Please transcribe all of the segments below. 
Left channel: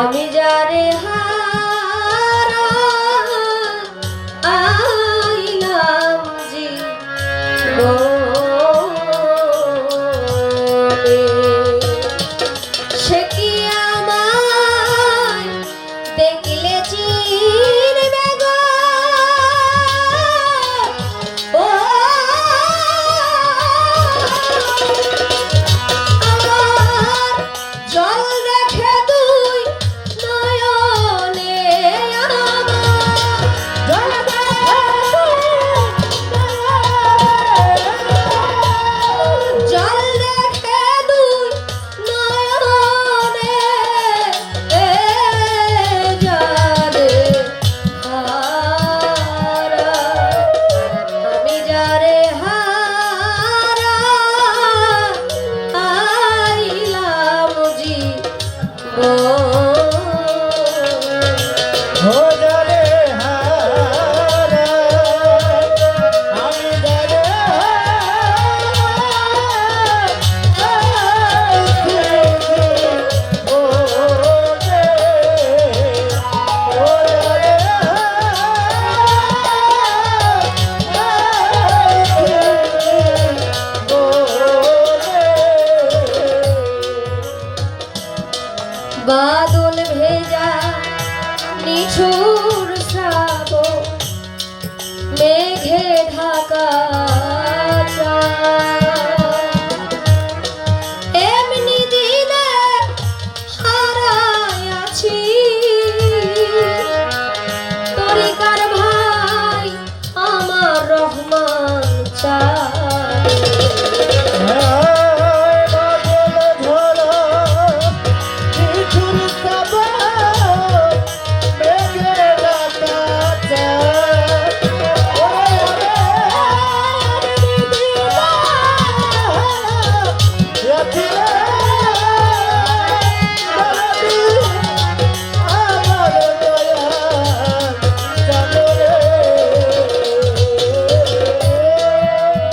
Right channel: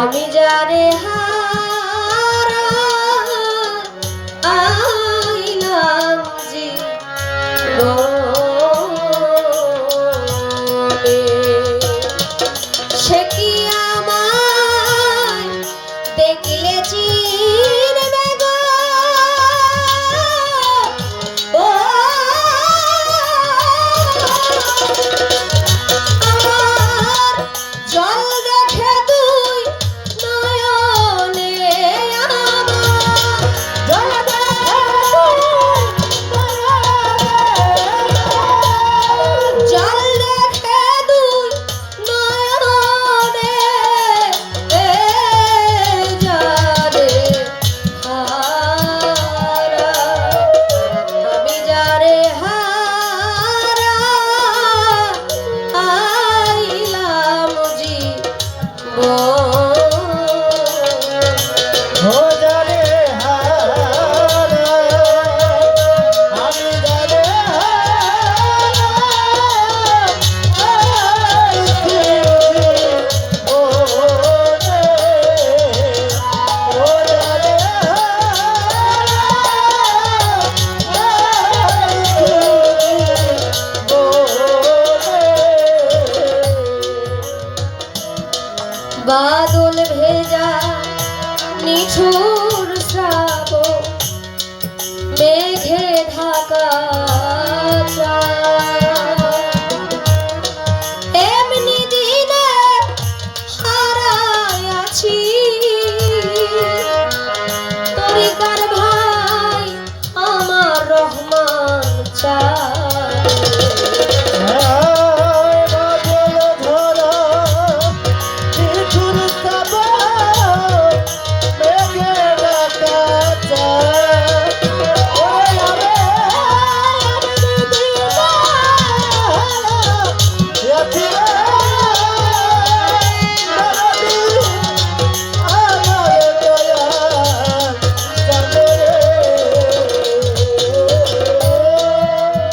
আমি যারে হারা আইলাম জীবনে, সে কি আমায় দেখলে চিনবে গো? ও আমার জল দেখে দুই নয়নে, আমার জল দেখে জল দেখে দুই নয়নে, যারে হারা আমি যারে হারা আইলাম জীবনে। বাদল ভেজা নিঠুর শ্রাবণ, মেঘে ঢাকা চাঁদ, এমনি দিনে হারাই আছি তরিকার ভাই আমার রহমান চাঁদ।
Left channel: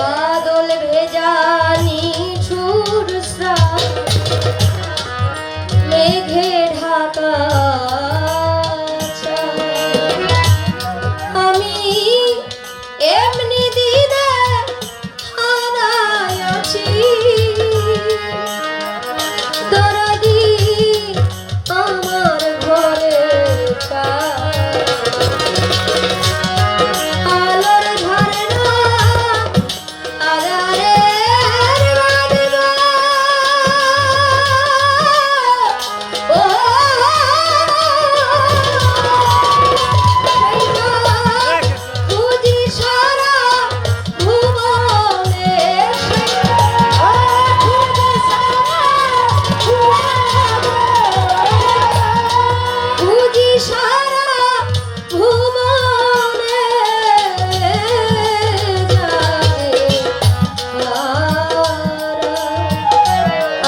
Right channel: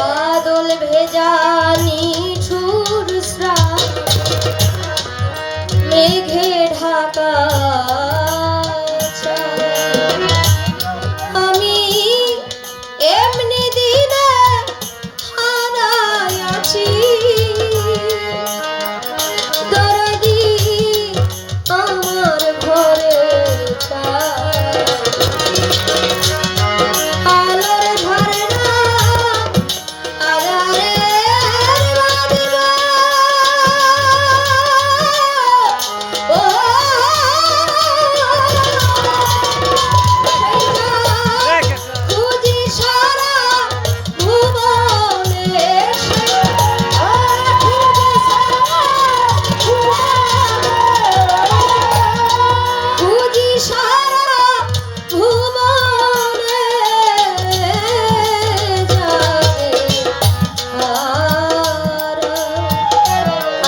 বাদল ভেজা নিঠুর শ্রাবণ, মেঘে ঢাকা চাঁদ, আমি এমনি দিনে হারাই আছি দরদি আমার ঘরে আলোর ধরে না আধারে ও খুঁজি সারা ভুবনে, খুঁজি সারা ভুবনে,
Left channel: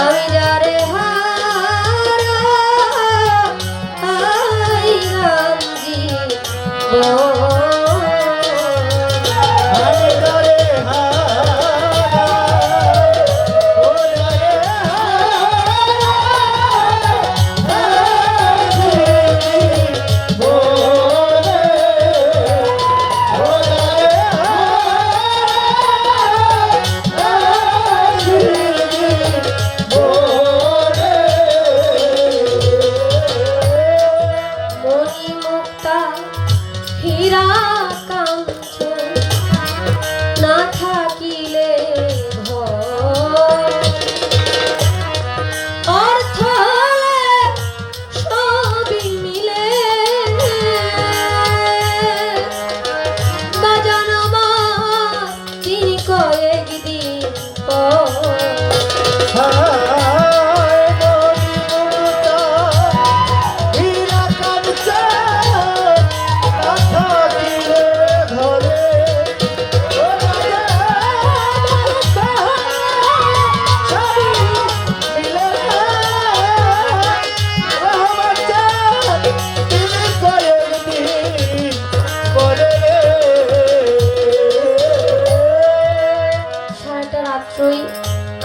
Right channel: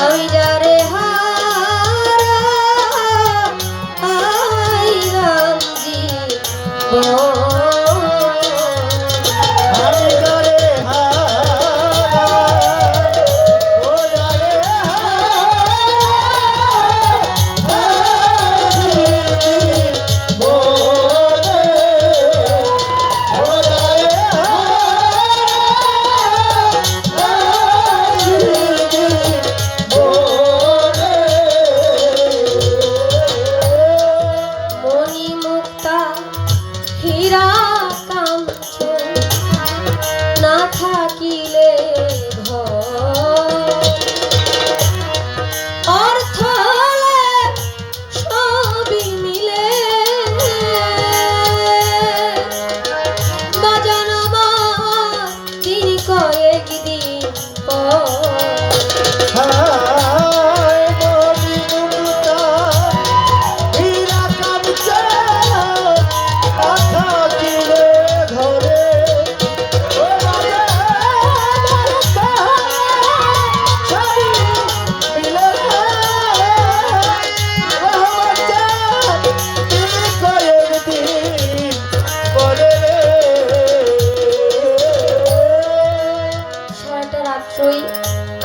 আমি যারে হারা আইলাম জীবনে। মণিমুক্তা হীরা কাঞ্চন না থাকিলে ঘর, অর্থ হলে সবই মিলে বাজানো তিনি কয়েক দিন পর।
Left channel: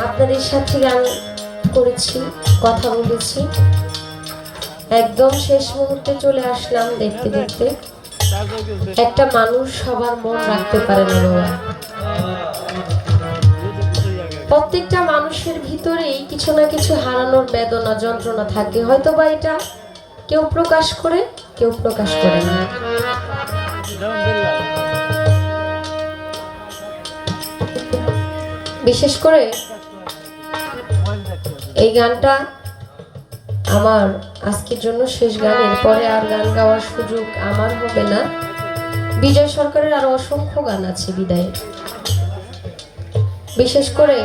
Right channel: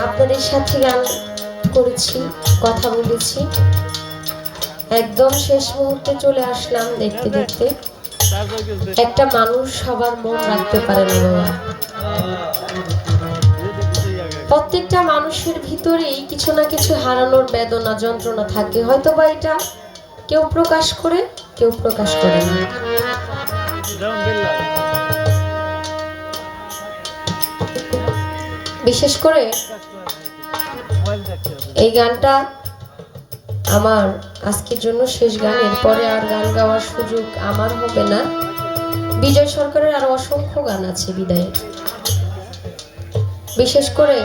আপনাদের সাথে গান করেছি, কথা বলেছি। একদম শেষ মুহূর্তে চলে আসলাম দেখতে দেখতে। একটা মানুষ সবার মন রাখতে পারে না বাবা। প্রত্যেকটা মানুষের ভিতরেই কিছু না কিছু হারানোর বেদনা যন্ত্রণা থাকে, হয়তো বা এটা কেউ প্রকাশ করে কেউ প্রকাশ করে না। বিশেষ করে এই গানটা আমার আজকের জন্য শেষ গান, এরপরে আর গান গাওয়ার সুযোগ আমার হবে না। বিজয় সরকারের আরো অসংখ্য গান আছে বিদায়। বিশেষ করে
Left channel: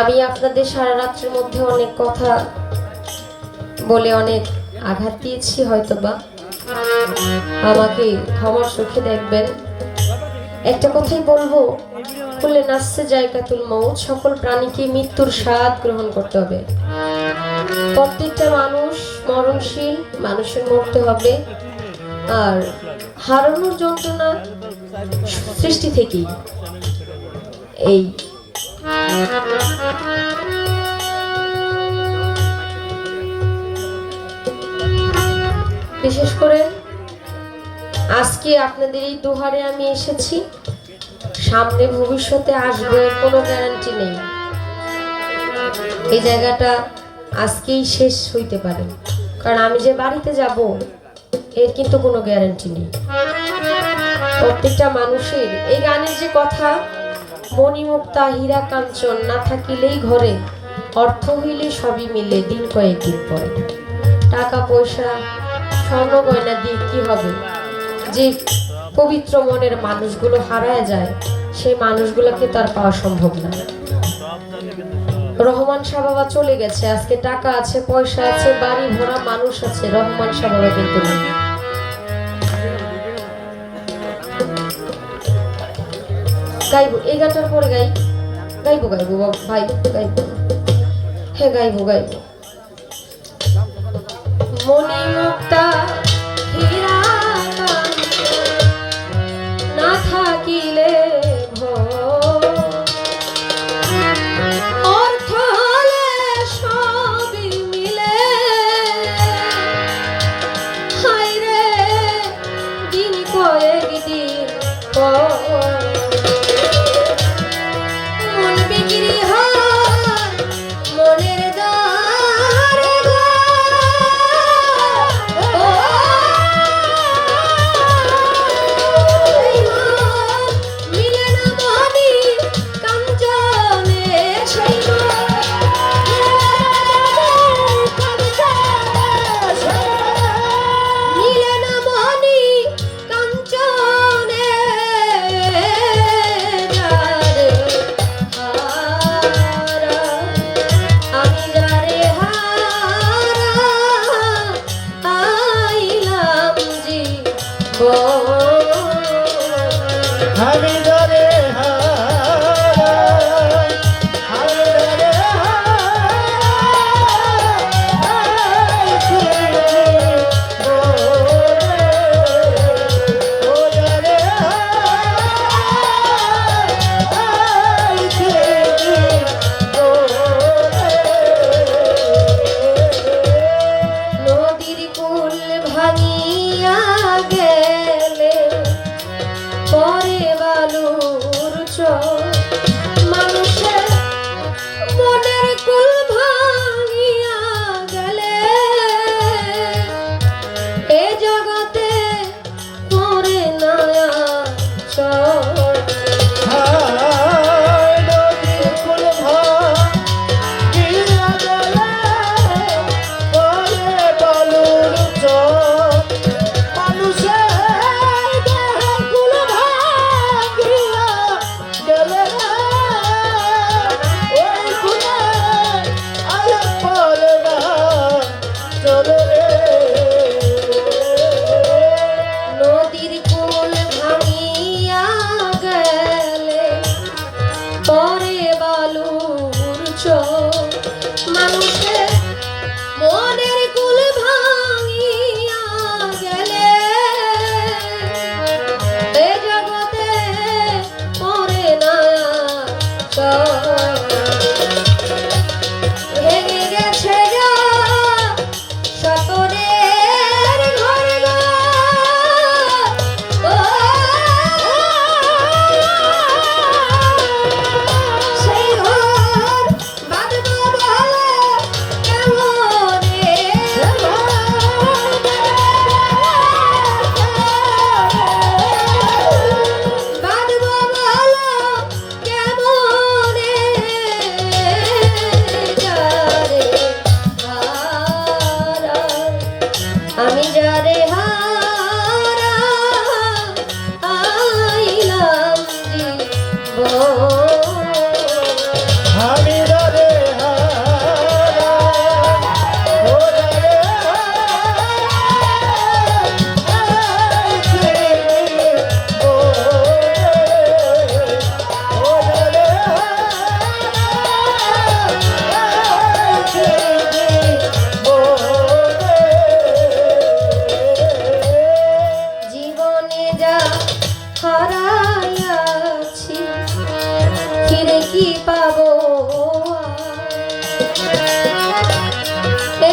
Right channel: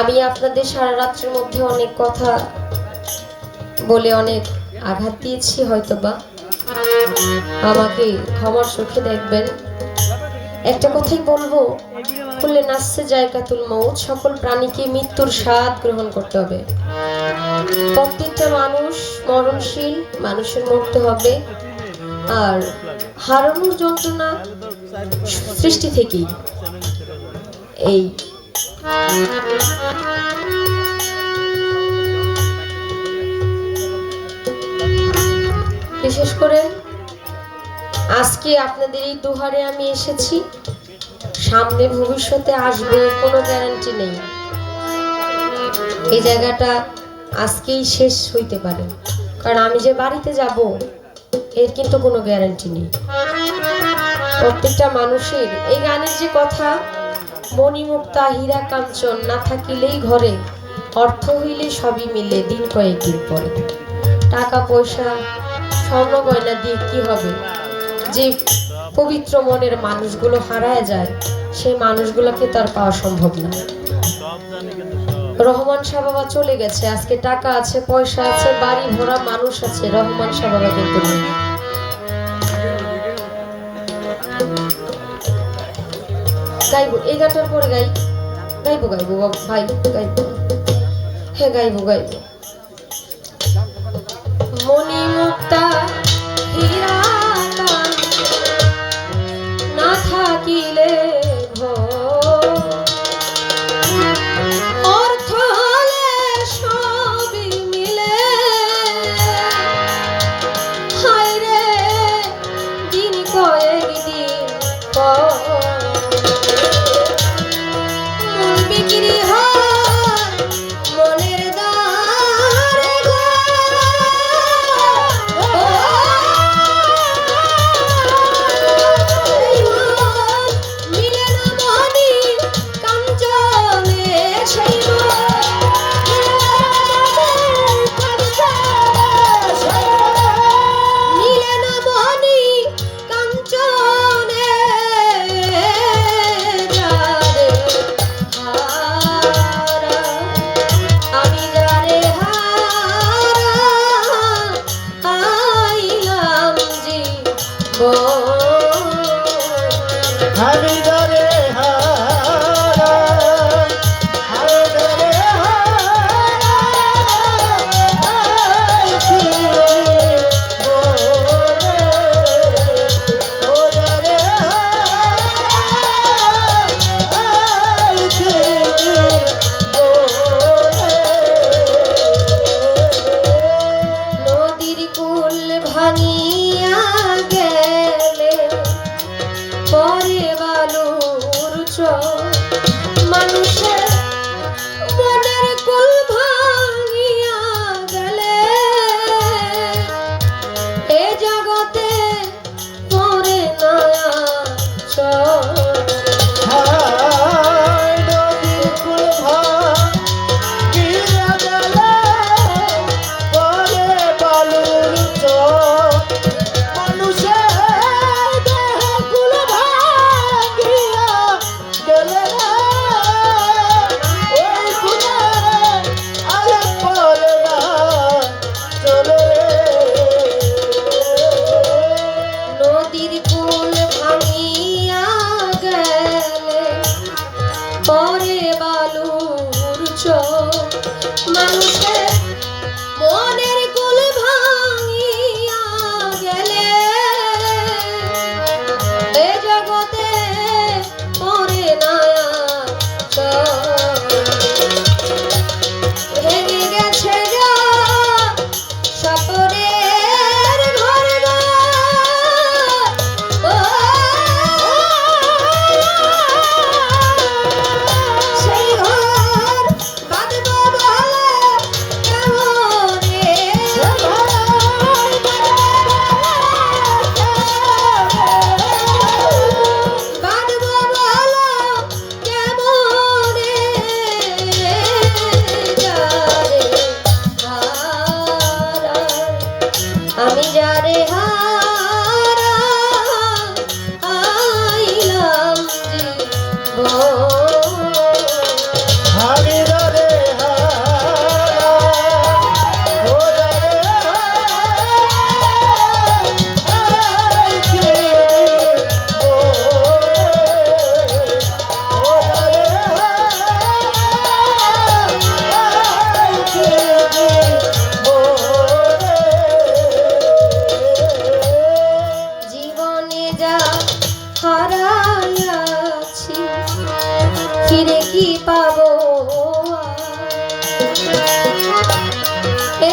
আমি আপনাদের সারা রাত্রির মধ্যে অনেক কথা বলে অনেক আঘাত দিয়েছি, হয়তোবা আমাকে ক্ষমার চোখে দেখবেন। একটা কথাই বলবো, খুলে নাচছে জায়গাতুল মউত, সকল প্রাণীকে মৃত্যুর স্বাদ গ্রহণ করতে হবে। প্রত্যেকটা মানুষ মরণশীল, মানুষের মরতে হবে। আর হারানোর যন্ত্রণা সৃষ্টি থেকেই। এই বিশেষ করে আজকে আপনাদের এই দুহারে আমি এসেছি, সামনে ভবিষ্যতে আসবে কোনো গ্যারান্টি নেই। এই জায়গাটা আজকেই শেষ হইতে পারে, কারণ আমি যে বাড়িতে যাব এর কিন্তু কোনো গ্যারান্টি নেই। প্রত্যেকটা মানুষের এই গানের যে কথা, মণিমুক্তা হীরা কাঞ্চন না থাকিলেই ঘরে, অর্থ হইলে সবই মিলে দিন কয়েকদিন পরে। টাকা পয়সা স্বর্ণ গয়না দিয়ে কি হবে? যে পবিত্র মনের মানুষগুলো হারায় যায়, সেই মানুষগুলোকে তার পাওয়া সম্ভব না। রহমান শাহ বাবা চলে গেছে, আজকে টাকা আছে, পয়সা আছে, বাড়ি ভরা মানুষ আছে, রহমান শাহ বাবা কিন্তু নেই। গাইবো এই গানটার পরে গাইবো ভাই, গাইবো, হ্যাঁ গাইবো। মণিমুক্তা হীরা না থাকিলে অর্থ হলে সবই মিলে, হায়রে দিন কয়েকদিন মন বিক্রি হয় মনের দ্বারে। মিলে না মনি কাঞ্চনে সেই মিলে না মনি কাঞ্চনে যারে হারা, আমি যারে হারা আইলাম জীবন। আমি যারে হারা, আমি যারে হারাইছি মনে, ও যারে হারাইছি মনে। নদীর কুল ভাঙিয়া গেলে পরে বালুর চর, মানুষের মনের কুল ভাঙিয়া গেলে এ জগতে পরে না চর। নদীর কুল ভাঙিয়া গেলে পরে বালুর চর, মানুষের মনের কুল ভাঙিয়া গেলে এ জগতে পরে না চর। ভেঙে গেছে গা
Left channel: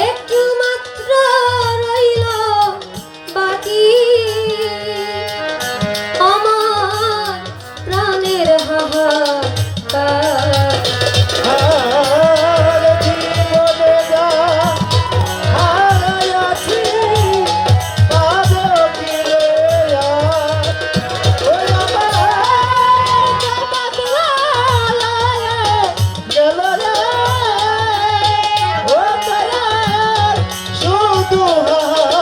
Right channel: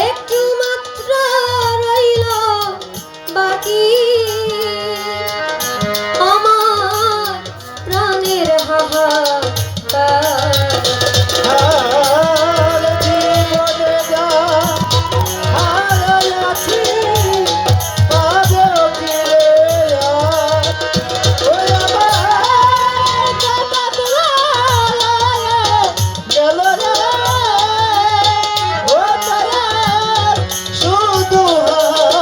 একটু মাত্র রইল বাকি আমার প্রাণের হাহাকার। আর জীবনে যা হারাইয়াছি, পাবো কি রে আর? ওই আমার জান্নাত হারায়ে গেল রে, ও তারা শুধু হাহাকারে।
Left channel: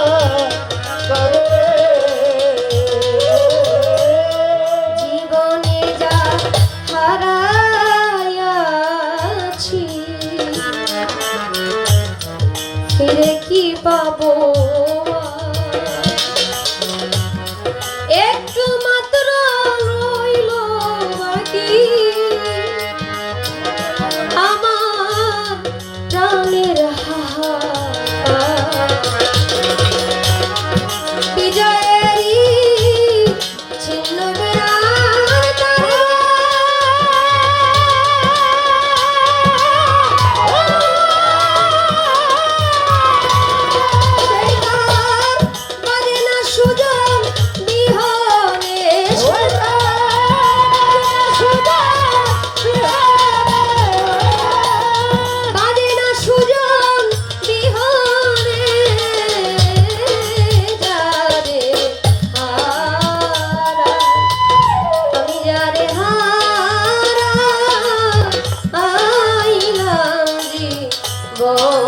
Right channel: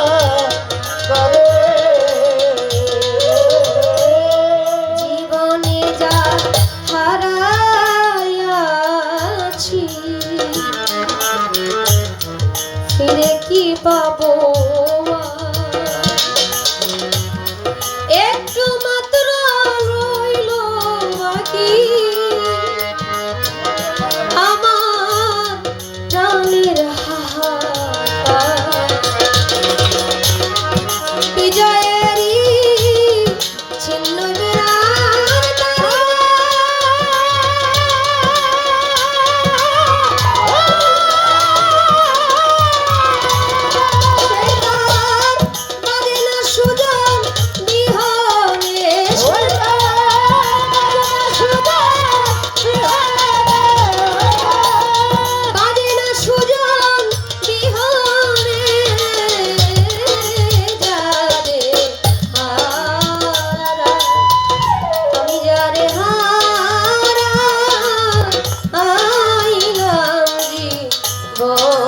জীবনে যা হারাইয়াছি ফিরে কি পাবো আর? একটু মাত্র রইল বাকি আমার প্রাণের হাহাকার। বিজয়েরই চিহ্ন বিরাজ বাজে না সুজন বিহনে, বাজে না সুজন বিহনে যারে হারা, আমি যারে হারা আইলাম জীবন